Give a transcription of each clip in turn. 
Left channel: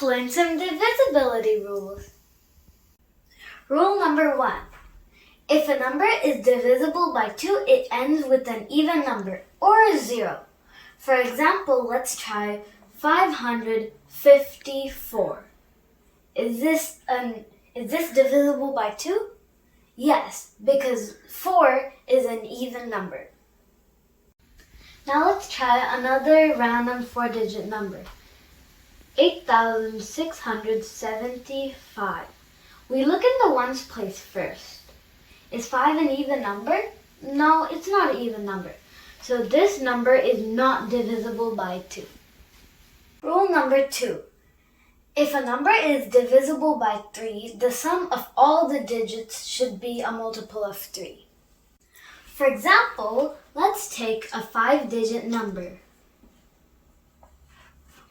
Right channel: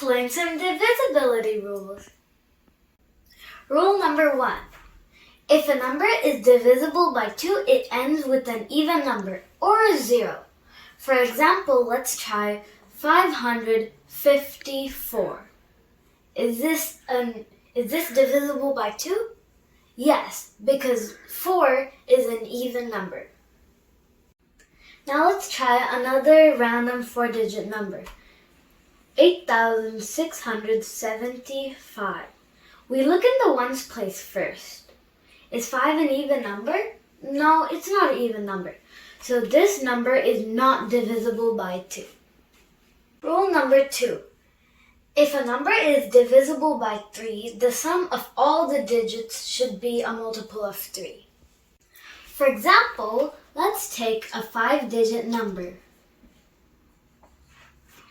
Let's learn some divisibility rules. Rule number 1. If a number is divisible by 2, it ends with an even number or a 0. For example, let's try 554. Is this divisible by 2? Yes, because 4 is an even number. Now let's try another random 4-digit number. 8,675. We look in the ones place first. Is 5 an even number? No, it's not an even number. So this number is not divisible by 2. Rule number 2. If a number is divisible by 3, the sum of all the digits should be a multiple of 3. For example, let's take a 5-digit number.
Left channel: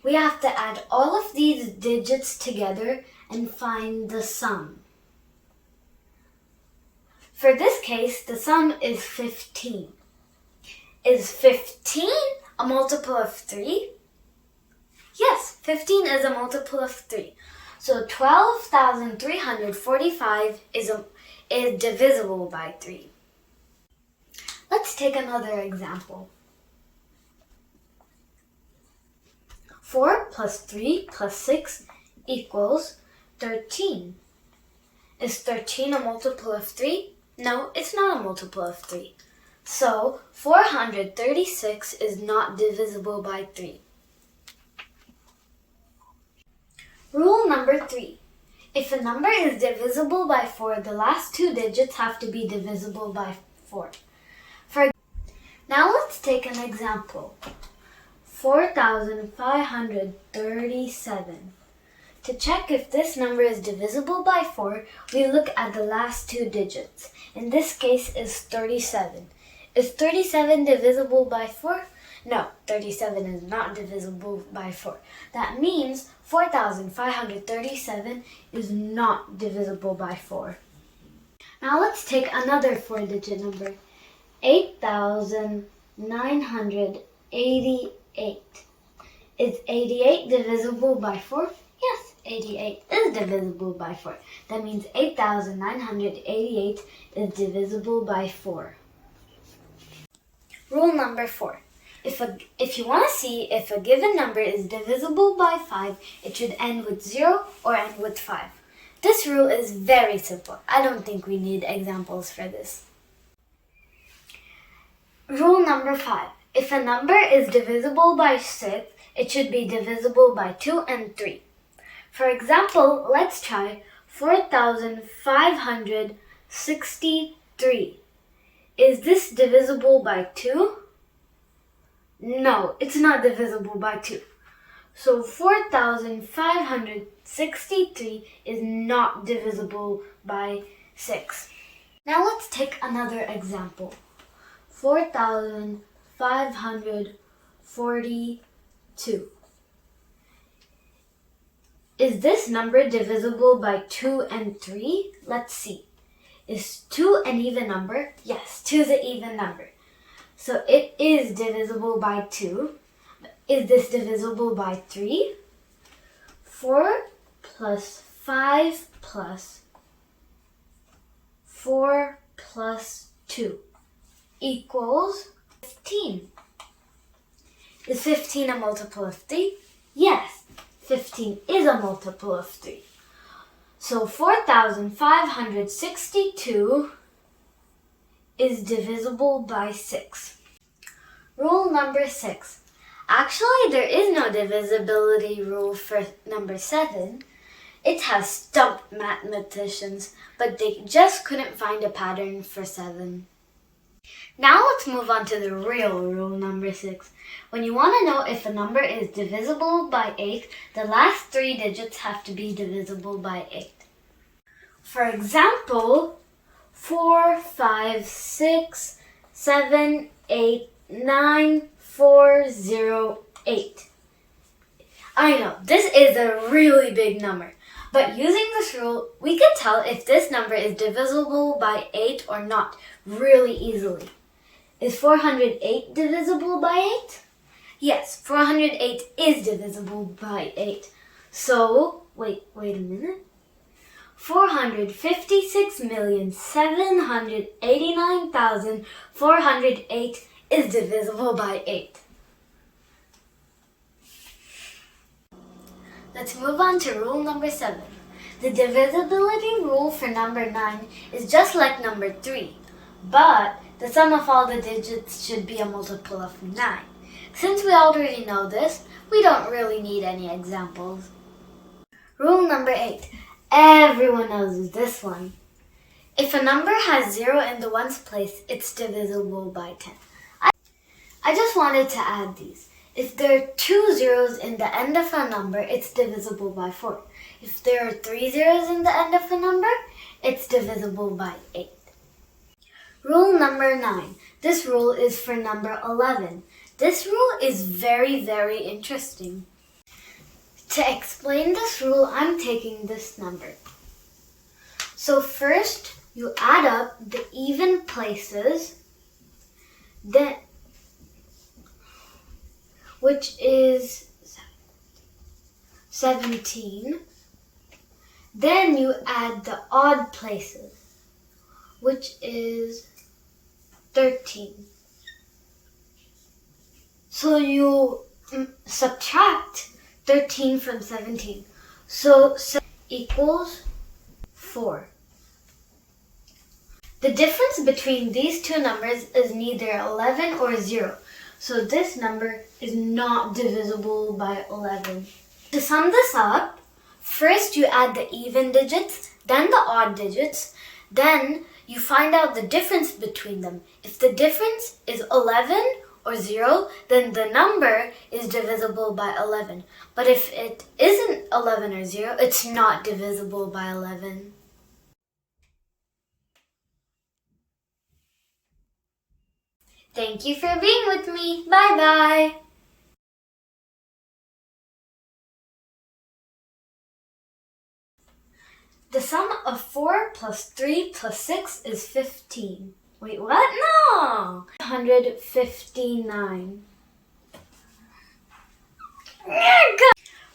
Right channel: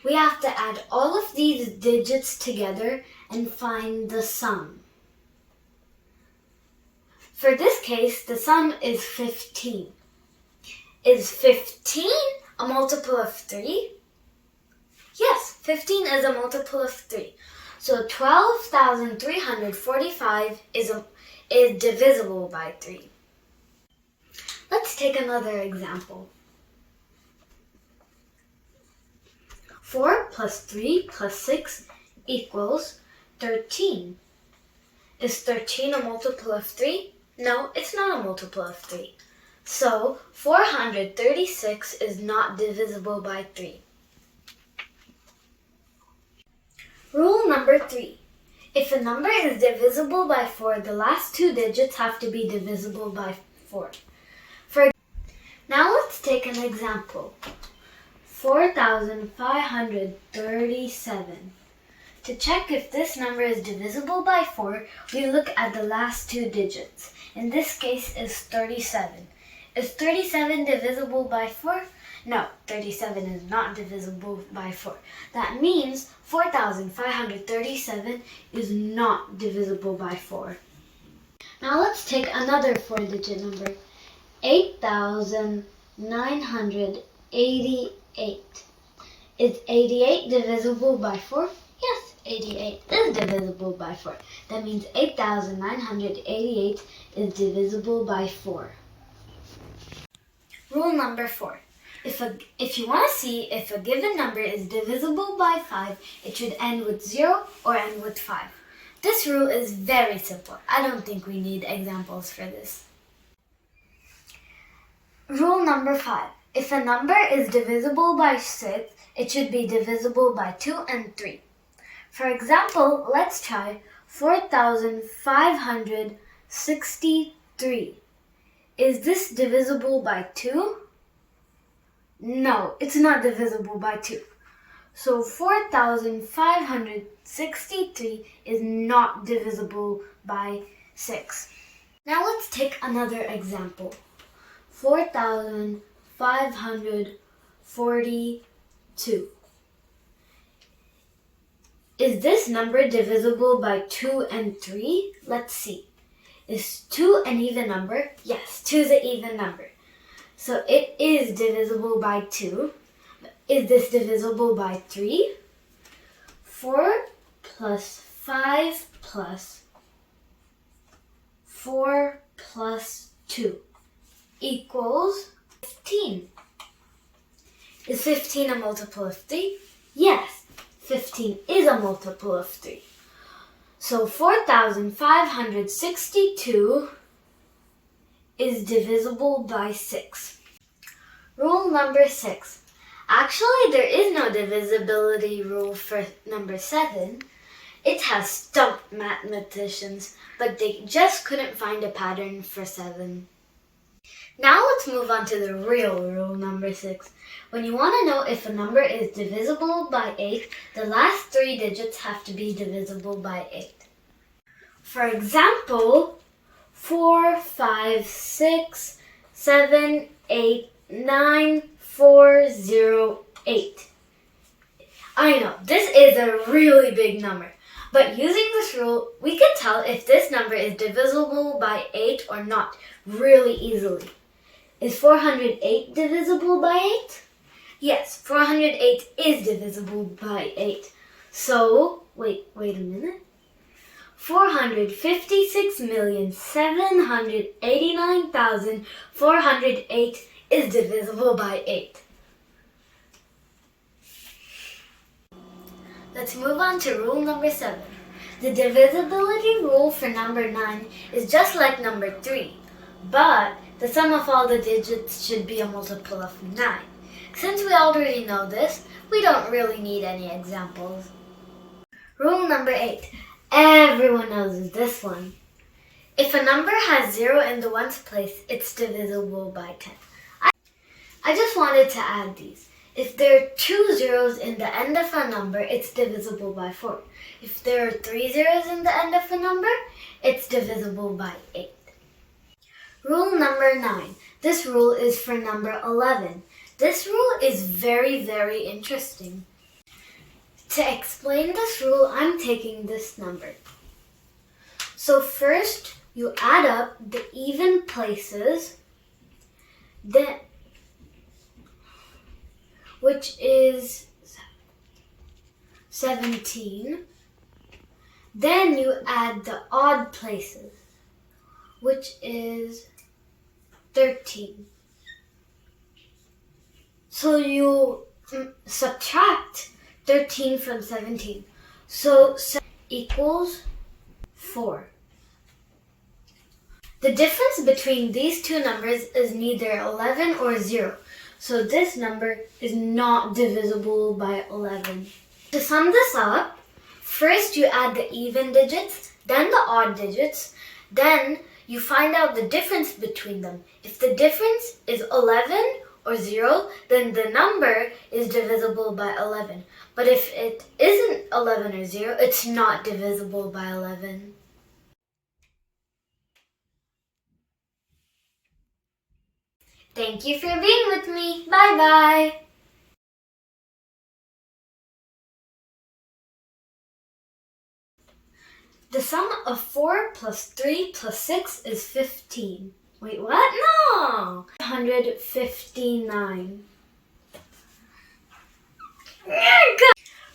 We have to add all of these digits together and find the sum. For this case, the sum is 15. Is 15 a multiple of 3? Yes, 15 is a multiple of 3. So 12,345 is divisible by 3. Let's take another example. 4 plus 3 plus 6 equals 13. Is 13 a multiple of 3? No, it's not a multiple of 3. So 436 is not divisible by 3. Rule number 3. If a number is divisible by 4, the last 2 digits have to be divisible by 4. Now let's take an example. 4,537. To check if this number is divisible by 4, we look at the last 2 digits. In this case is 37. Is 37 divisible by 4? No, 37 is not divisible by 4. That means 4,537 is not divisible by 4. Now let's take another 4-digit number. 8,988. Is 88 divisible by 4? Yes, 88 is divisible by 4. That means 8,988 is divisible by 4. Rule number 4. If you want to see if a given number is divisible by 5, it should end with 0 or end with 5. This rule is very simple. I don't think we need examples for this. Rule number 5. If a number is divisible by 6, it should be divisible by 2 and 3. For example, let's try 4,563. Is this divisible by 2? No, it's not divisible by 2. So 4,563 is not divisible by 6. Now let's take another example. 4,542. Is this number divisible by 2 and 3? Let's see. Is 2 an even number? Yes, 2 is an even number. So it is divisible by 2. Is this divisible by 3? 4 plus 5 plus 4 plus 2 equals 15. Is 15 a multiple of 3? Yes, 15 is a multiple of 3. So 4,562 is divisible by 6. Rule number 6. Actually, there is no divisibility rule for number 7. It has stumped mathematicians, but they just couldn't find a pattern for 7. Now let's move on to the real rule number 6. When you want to know if a number is divisible by 8, the last 3 digits have to be divisible by 8. For example, 4, 5, 6, 7, 8, 9, 4, 0, 8. I know, this is a really big number, but using this rule, we can tell if this number is divisible by 8 or not really easily. Is 408 divisible by 8? Yes, 408 is divisible by 8. So, wait a minute. 456,789,408 is divisible by 8. Let's move on to rule number 7. The divisibility rule for number 9 is just like number 3, but the sum of all the digits should be a multiple of 9. Since we already know this, we don't really need any examples. Rule number 8. Everyone knows this one. If a number has 0 in the ones place, it's divisible by 10. I just wanted to add these. If there are 2 zeros in the end of a number, it's divisible by 4. If there are 3 zeros in the end of a number, it's divisible by 8. Rule number 9. This rule is for number 11. This rule is very, very interesting. To explain this rule, I'm taking this number. So first, you add up the even places, which is 17. Then you add the odd places, which is 13. So you subtract 13 from 17. So equals 4. The difference between these two numbers is neither 11 or 0. So this number is not divisible by 11. To sum this up, first you add the even digits, then the odd digits, then you find out the difference between them. If the difference is 11 or 0, then the number is divisible by 11. But if it isn't 11 or 0, it's not divisible by 11. Thank you for being with me. Bye-bye. The sum of 4 plus 3 plus 6 is 15. Wait, what? No! 159.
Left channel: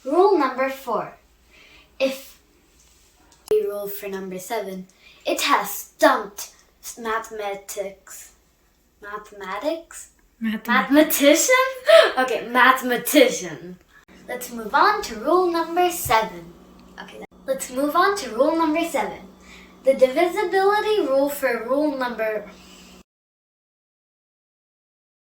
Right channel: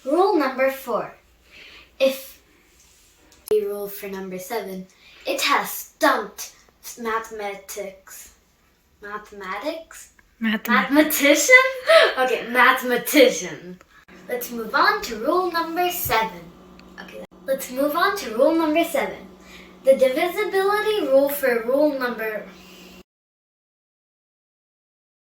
Rule number 4. If a rule for number 7, it has stumped mathematician? Okay, mathematician. Let's move on to rule number 7. Let's move on to rule number 7. The divisibility rule for rule number